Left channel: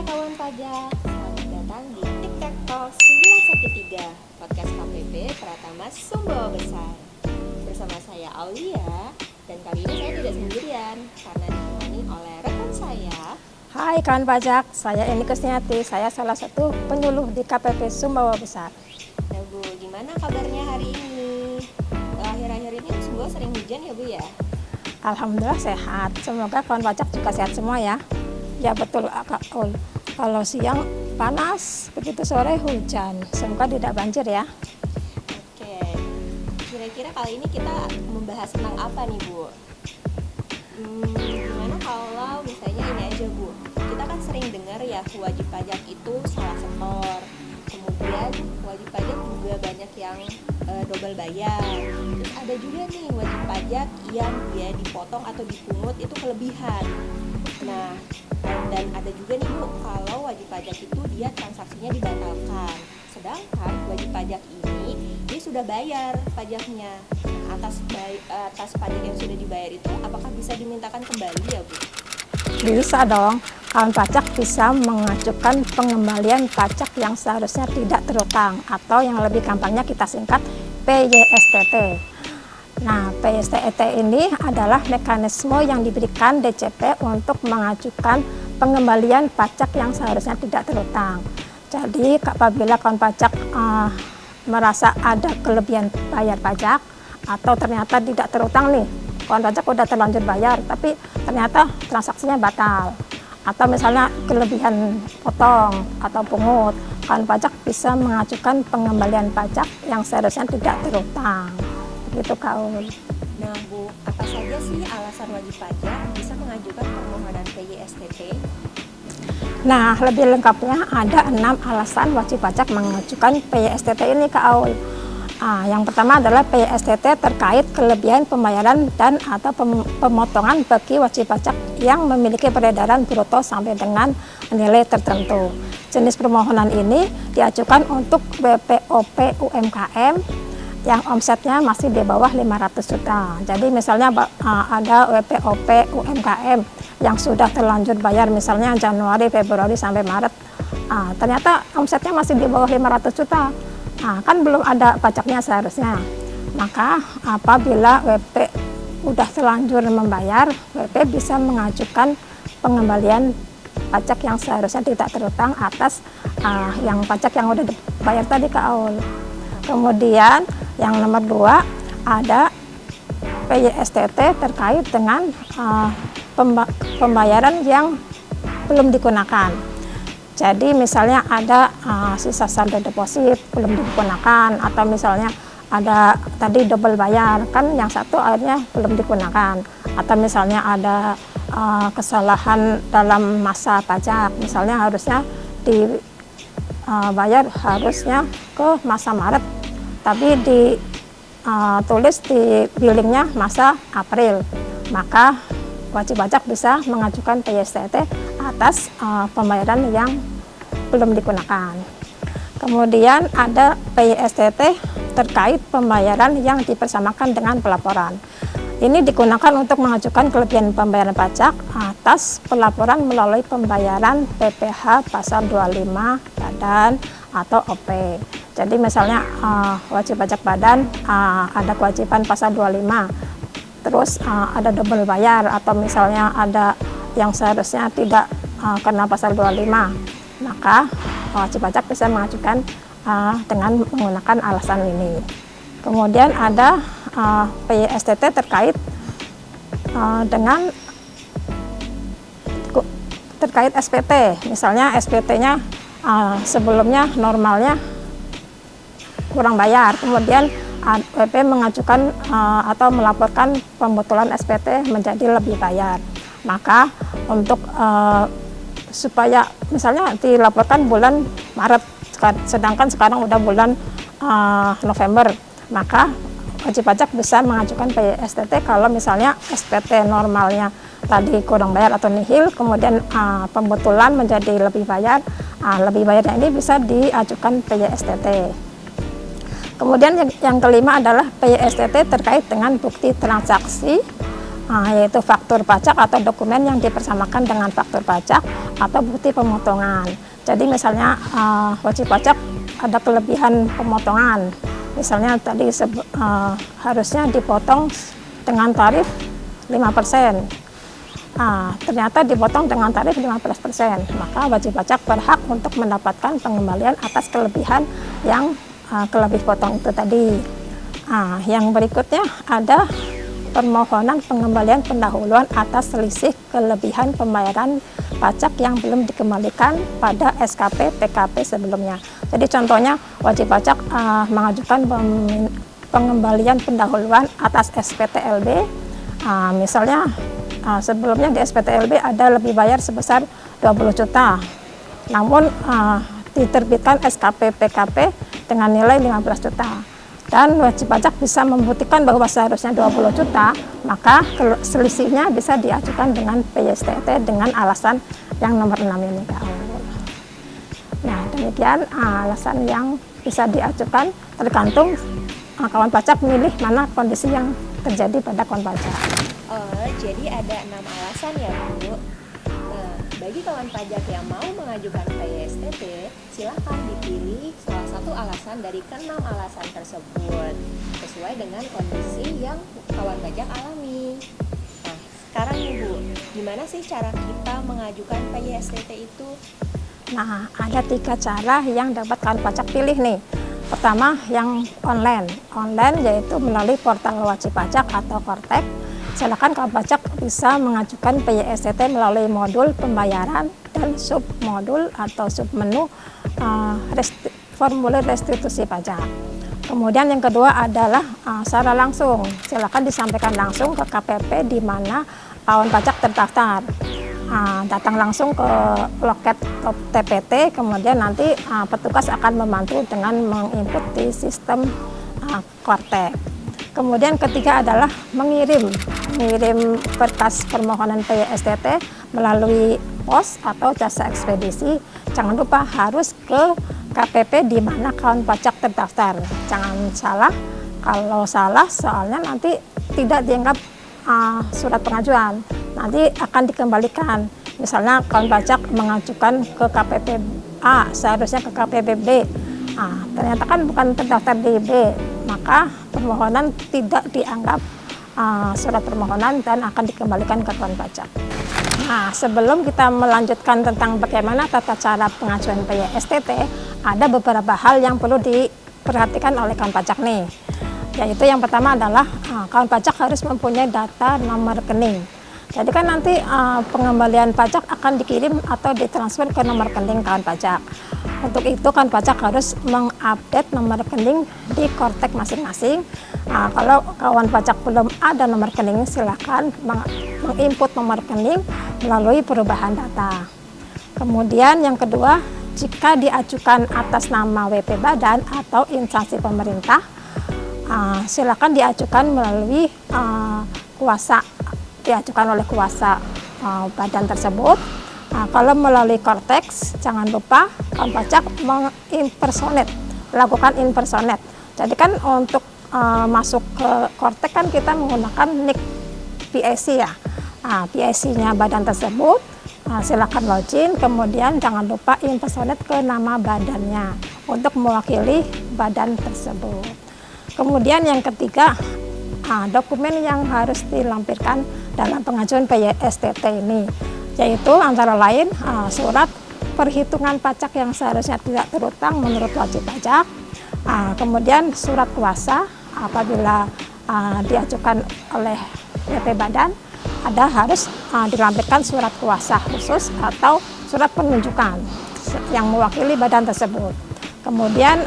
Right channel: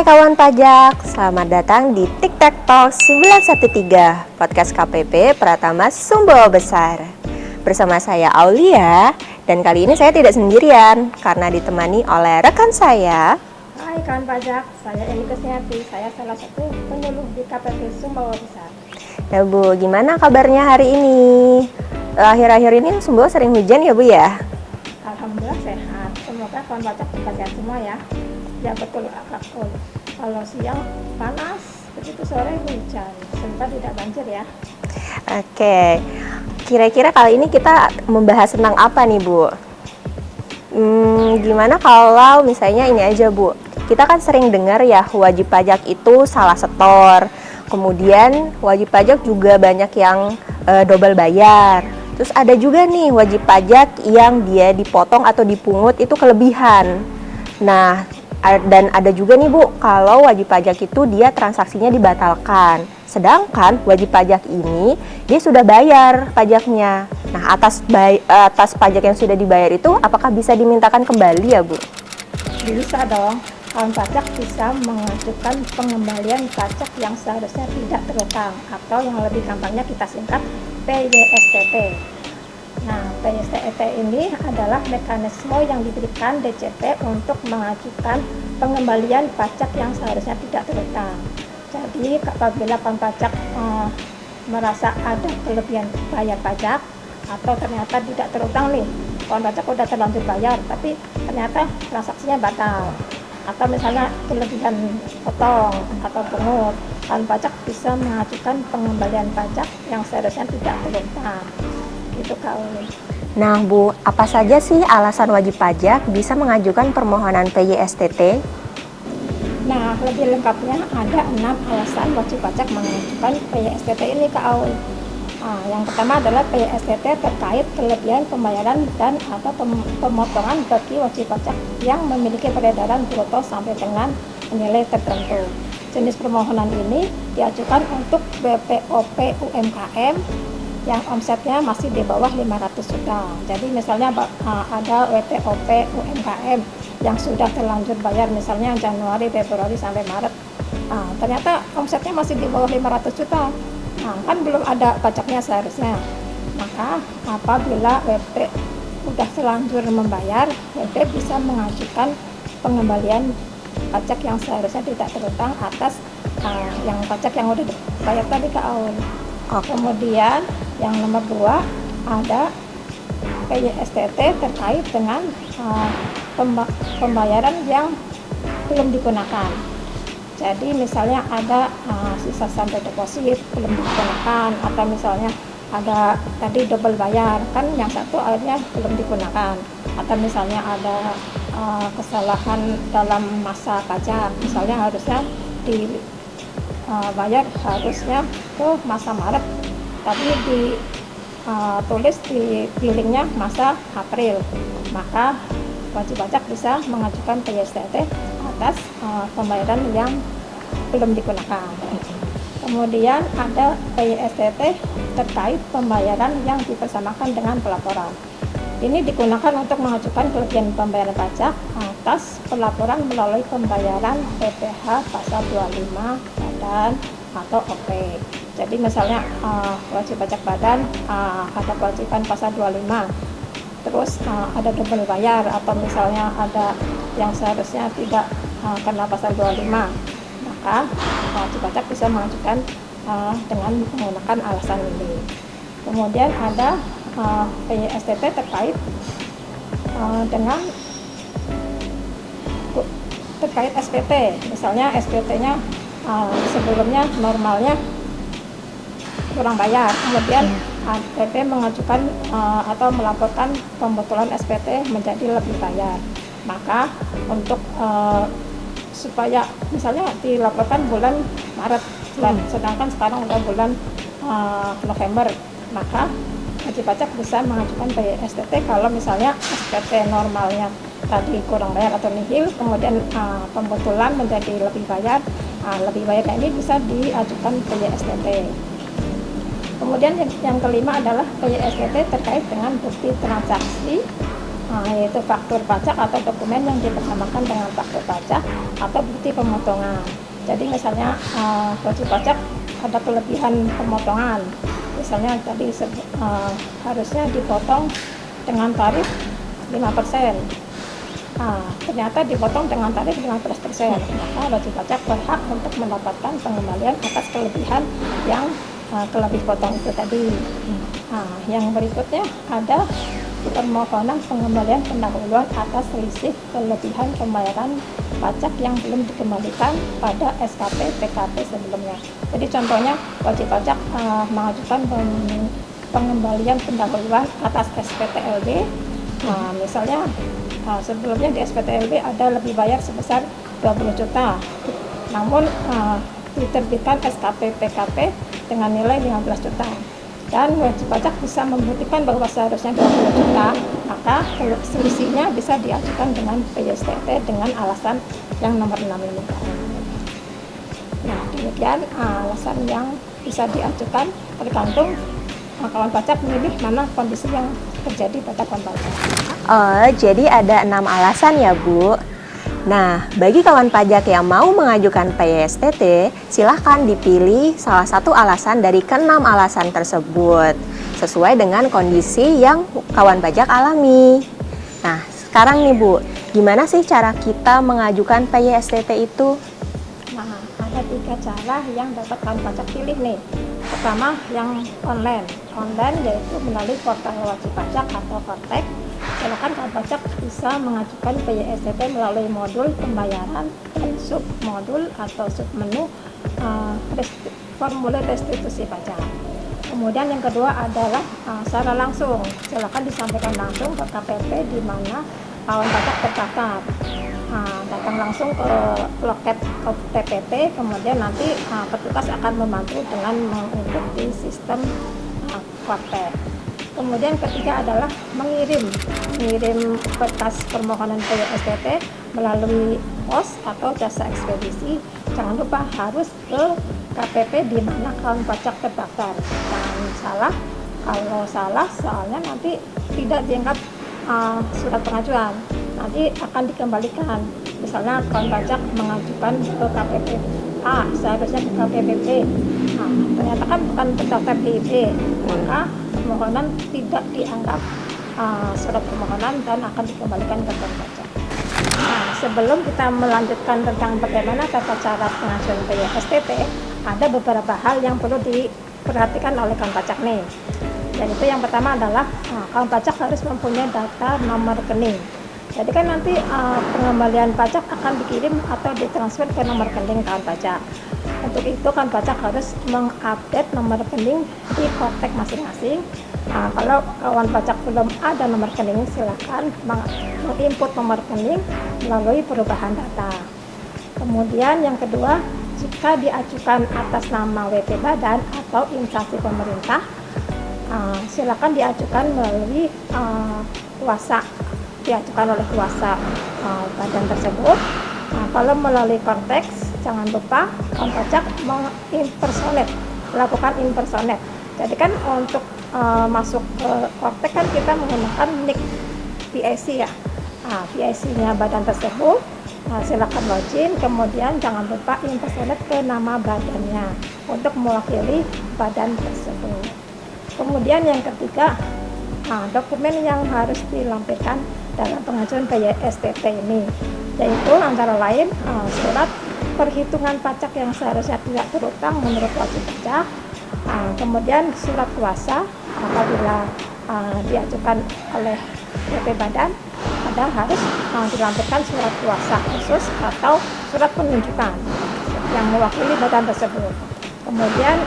Hai kawan pajak, selamat datang di TikTok Talk 913, podcast KPP Pratama Sumbawa Besar. Bersama saya Aulia, dan kali ini saya tidak sendirian karena ditemani oleh rekan saya. Hai kawan pajak, saya Eni Kusniati, saya salah satu penyuluh di KPP Sumbawa Besar. Ya Bu, gimana kabarnya hari ini? Akhir-akhir ini Sumbawa sering hujan ya Bu ya? Alhamdulillah sehat, semoga kawan pajak juga sehat semua ya. Ya betul Kak Ul, kalau siang panas, begitu sore hujan, semoga tidak banjir ya. Oke, kira-kira kali ini kita membahas tentang apa nih Bu? Gimana kalau misalnya ini aja Bu, kita kan sering dengar ya wajib pajak itu salah setor, kemudian wajib pajak juga banyak yang double bayar. Terus ada juga nih wajib pajak yang dia dipotong atau dipungut itu kelebihan. Nah, dan ada juga nih Bu, kalau wajib pajak itu dia transaksinya dibatalkan. Sedangkan wajib pajak ini dia sudah bayar pajaknya. Nah, atas pajak yang sudah dibayar itu apakah bisa dimintakan kembali ya Bu? Bisa dong, kawan pajak bisa mengajukan pengembalian pajak yang seharusnya tidak terutang, atau yang lebih gampangnya kita singkat PYSTT. Nah, PYSTT ini adalah mekanisme yang diberikan DJP untuk mengajukan pengembalian pajak yang seharusnya tidak terutang. Jadi, apabila kawan pajak merasa ada kelebihan bayar pajak atau ternyata tidak terutang nih, kawan pajak udah terlanjur bayar, tapi ternyata transaksinya batal, atau misalnya kelebihan potong atau pungut, kawan pajak bisa mengajukan pengembalian pajak yang seharusnya tidak terutang. Gitu Kak Uli. Nah Bu, apa saja sih alasan wajib pajak bisa mengajukan permohonan PYSTT? Nah, lebih lengkapnya ada 6 alasan wajib pajak mengajukan PYSTT ini Kak Uli. Yang pertama adalah PYSTT terkait kelebihan pembayaran dan atau pemotongan bagi wajib pajak yang memiliki peredaran bruto sampai dengan nilai tertentu. Jenis permohonan ini diajukan untuk BPOP UMKM yang omsetnya masih di bawah 500 juta. Jadi misalnya ada WPOP UMKM yang sudah terlanjur bayar misalnya Januari, Februari sampai Maret. Ternyata omsetnya masih di bawah 500 juta. Kan belum ada pajaknya seharusnya. Maka apabila WP udah terlanjur membayar, WP bisa mengajukan pengembalian pajak yang seharusnya tidak terutang atas yang pajak yang udah dibayar tadi Kak Aul. Kemudian yang nomor 2 ada PYSTT terkait dengan pembayaran yang belum digunakan. Jadi misalnya ada sisa saldo deposit belum digunakan, atau misalnya ada tadi double bayar, kan yang satu akhirnya belum digunakan, atau misalnya ada kesalahan dalam masa pajak, misalnya harusnya bayar harusnya ke masa Maret, tapi ditulis di billingnya masa April, maka wajib pajak bisa mengajukan PYSTT atas pembayaran yang belum digunakan. Kemudian ada PYSTT terkait pembayaran yang dipersamakan dengan pelaporan. Ini digunakan untuk mengajukan kelebihan pembayaran pajak atas pelaporan melalui pembayaran PPh pasal 25 badan atau OP. Jadi misalnya wajib pajak badan ada kewajiban pasal 25, terus ada double bayar, atau misalnya ada yang seharusnya tidak kena pasal 25, maka wajib pajak bisa mengajukan dengan menggunakan alasan ini. Kemudian ada PYSTT terkait dengan terkait SPT, misalnya SPT-nya sebelumnya normalnya kurang bayar, kemudian WP mengajukan atau melaporkan pembetulan SPT menjadi lebih bayar, maka untuk supaya misalnya dilaporkan bulan Maret, sedangkan sekarang udah bulan November, maka wajib pajak bisa mengajukan PYSTT kalau misalnya SPT normalnya tadi kurang bayar atau nihil, kemudian pembetulan menjadi lebih bayar ini bisa diajukan PYSTT. Kemudian yang kelima adalah PYSTT terkait dengan bukti transaksi yaitu faktur pajak atau dokumen yang dipersamakan dengan faktur pajak atau bukti pemotongan. Jadi misalnya wajib pajak ada kelebihan pemotongan, misalnya tadi harusnya dipotong dengan tarif 5%. Ternyata dipotong dengan tarif 15%, maka wajib pajak berhak untuk mendapatkan pengembalian atas kelebihan yang kelebih potong itu tadi. Yang berikutnya ada permohonan pengembalian pendahuluan atas selisih kelebihan pembayaran pajak yang belum dikembalikan pada SKP PKP sebelumnya. Jadi contohnya wajib pajak mengajukan pengembalian pendahuluan atas SPTLB. Misalnya sebelumnya di SPTLB ada lebih bayar sebesar 20 juta, namun diterbitkan SKP PKP dengan nilai 15 juta. Dan wajib pajak bisa membuktikan bahwa seharusnya 20 juta, maka selisihnya bisa diajukan dengan PYSTT dengan alasan yang nomor 6 ini. Nah, demikian alasan yang bisa diajukan, tergantung kawan pajak memilih mana kondisi yang terjadi pada kawan pajak. Oh, jadi ada 6 alasan ya, Bu. Nah, bagi kawan pajak yang mau mengajukan PYSTT, silahkan dipilih salah satu alasan dari ke-6 alasan tersebut, sesuai dengan kondisi yang kawan pajak alami. Nah, sekarang nih Bu, gimana sih cara kita mengajukan PYSTT itu? Nah, ada 3 cara yang dapat kawan pajak pilih nih. Pertama, yang online yaitu melalui portal wajib pajak atau Kortek. Silakan kawan pajak bisa mengajukan PYSTT melalui modul pembayaran dan submodul atau submenu formulir restitusi pajak. Kemudian yang kedua adalah secara langsung. Silakan disampaikan langsung ke KPP di mana kawan pajak terdaftar. Datang langsung ke loket TPT, kemudian nanti petugas akan membantu dengan menginput di sistem Kortek. Kemudian ketiga adalah mengirim kertas permohonan PYSTT melalui pos atau jasa ekspedisi. Jangan lupa harus ke KPP di mana kawan pajak terdaftar. Jangan salah, kalau salah soalnya nanti tidak dianggap surat pengajuan, nanti akan dikembalikan. Misalnya kawan pajak mengajukan ke KPP A, seharusnya ke KPP B. Ternyata kan bukan terdaftar di B, maka permohonan tidak dianggap surat permohonan dan akan dikembalikan ke kawan pajak. Sebelum kita melanjutkan tentang bagaimana tata cara pengajuan PYSTT, ada beberapa hal yang perlu diperhatikan oleh kawan pajak nih. Yaitu yang pertama adalah kawan pajak harus mempunyai data nomor rekening. Jadi kan nanti pengembalian pajak akan dikirim atau ditransfer ke nomor rekening kawan pajak. Untuk itu kawan pajak harus mengupdate nomor rekening di Kortek masing-masing. Kalau kawan pajak belum ada nomor rekening, silakan menginput nomor rekening melalui perubahan data. Kemudian yang kedua, jika diajukan atas nama WP Badan atau instansi pemerintah, silakan diajukan melalui kuasa, diajukan oleh kuasa badan tersebut. Kalau melalui Kortex, jangan lupa kawan pajak melakukan impersonate. Jadi kan untuk masuk ke Kortex kan kita menggunakan NIK PIC ya. PIC-nya badan tersebut, silakan login, kemudian jangan lupa impersonate ke nama badannya untuk mewakili badan tersebut. Kemudian yang ketiga, dokumen yang harus dilampirkan dalam pengajuan PYSTT ini, yaitu antara lain surat perhitungan pajak yang seharusnya tidak terutang menurut wajib pajak, kemudian surat kuasa apabila diajukan oleh WP Badan, ada harus dilampirkan surat kuasa khusus atau surat penunjukan yang mewakili badan tersebut. Kemudian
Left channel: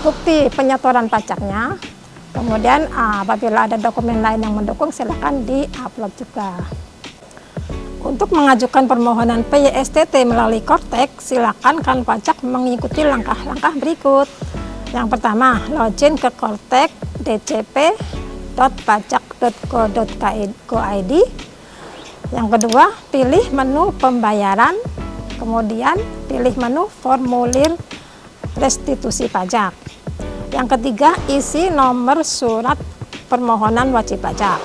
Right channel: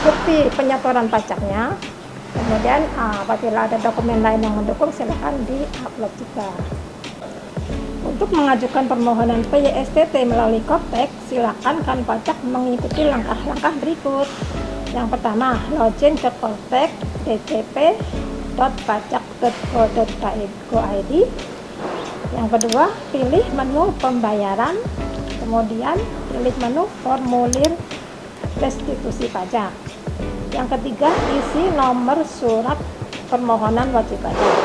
bukti penyetoran pajaknya. Kemudian apabila ada dokumen lain yang mendukung, silakan di-upload juga. Untuk mengajukan permohonan PYSTT melalui Kortek, silakan kawan pajak mengikuti langkah-langkah berikut. Yang pertama, login ke Kortek dcp.pajak.go.id. Yang kedua, pilih menu pembayaran, kemudian pilih menu formulir restitusi pajak. Yang ketiga, isi nomor surat permohonan wajib pajak.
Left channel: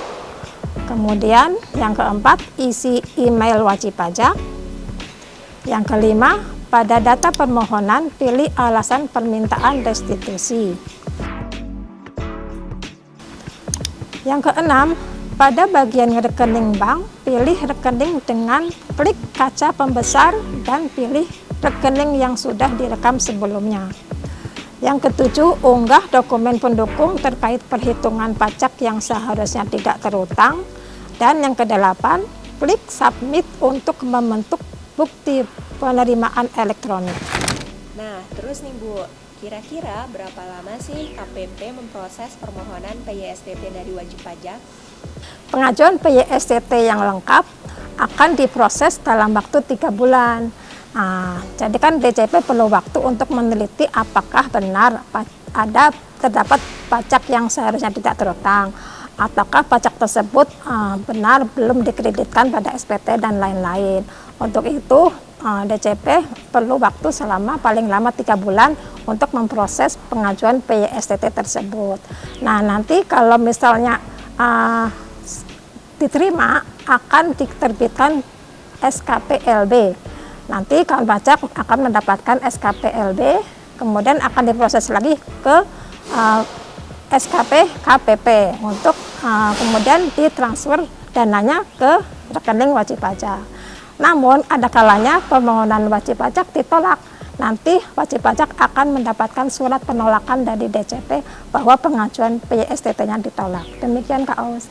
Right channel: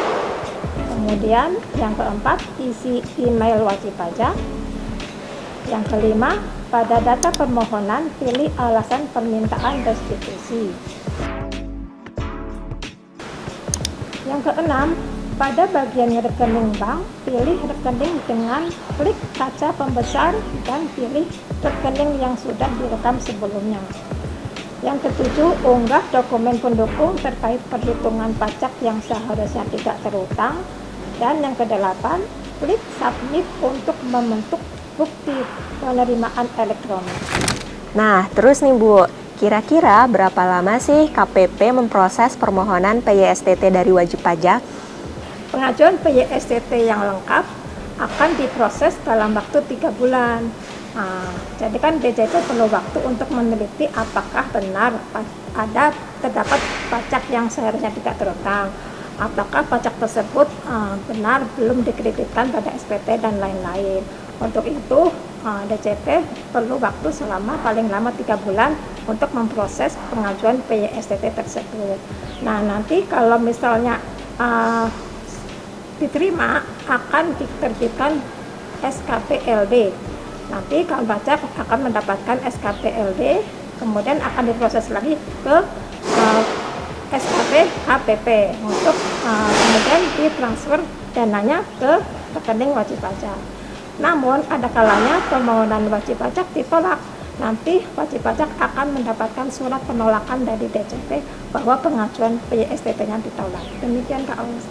Kemudian yang keempat, isi email wajib pajak. Yang kelima, pada data permohonan pilih alasan permintaan restitusi. Yang keenam, pada bagian rekening bank, pilih rekening dengan klik kaca pembesar dan pilih rekening yang sudah direkam sebelumnya. Yang ketujuh, unggah dokumen pendukung terkait perhitungan pajak yang seharusnya tidak terutang. Dan yang kedelapan, klik submit untuk membentuk bukti penerimaan elektronik. Nah, terus nih Bu, kira-kira berapa lama sih KPP memproses permohonan PYSTT dari wajib pajak? Pengajuan PYSTT yang lengkap akan diproses dalam waktu 3 bulan. Jadi kan DJP perlu waktu untuk meneliti apakah benar terdapat pajak yang seharusnya tidak terutang, ataukah pajak tersebut benar belum dikreditkan pada SPT dan lain-lain. Untuk itu DJP perlu waktu selama paling lama 3 bulan untuk memproses pengajuan PYSTT tersebut. Nah, nanti kalau misalnya diterima, akan diterbitkan SKPLB. Nanti kawan pajak akan mendapatkan SKPLB, kemudian akan diproses lagi ke SKP KPP untuk kemudian ditransfer dananya ke rekening wajib pajak. Namun ada kalanya permohonan wajib pajak ditolak. Nanti wajib pajak akan mendapatkan surat penolakan dari DJP bahwa pengajuan PYSTT-nya ditolak. Demikian Kak Aus.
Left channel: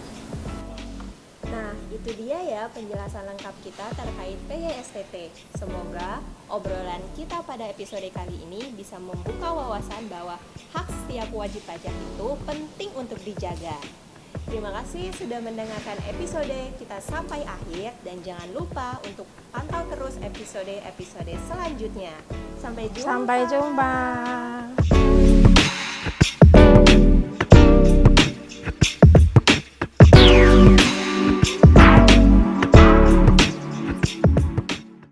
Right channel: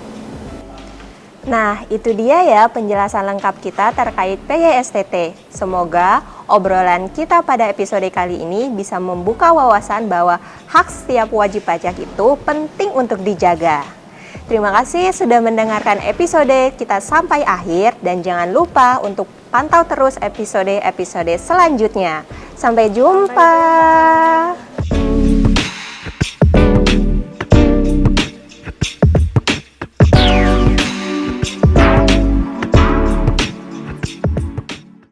Nah, itu dia ya penjelasan lengkap kita terkait PYSTT. Semoga obrolan kita pada episode kali ini bisa membuka wawasan bahwa hak setiap wajib pajak itu penting untuk dijaga. Terima kasih sudah mendengarkan episode kita sampai akhir dan jangan lupa untuk pantau terus episode-episode selanjutnya. Sampai jumpa.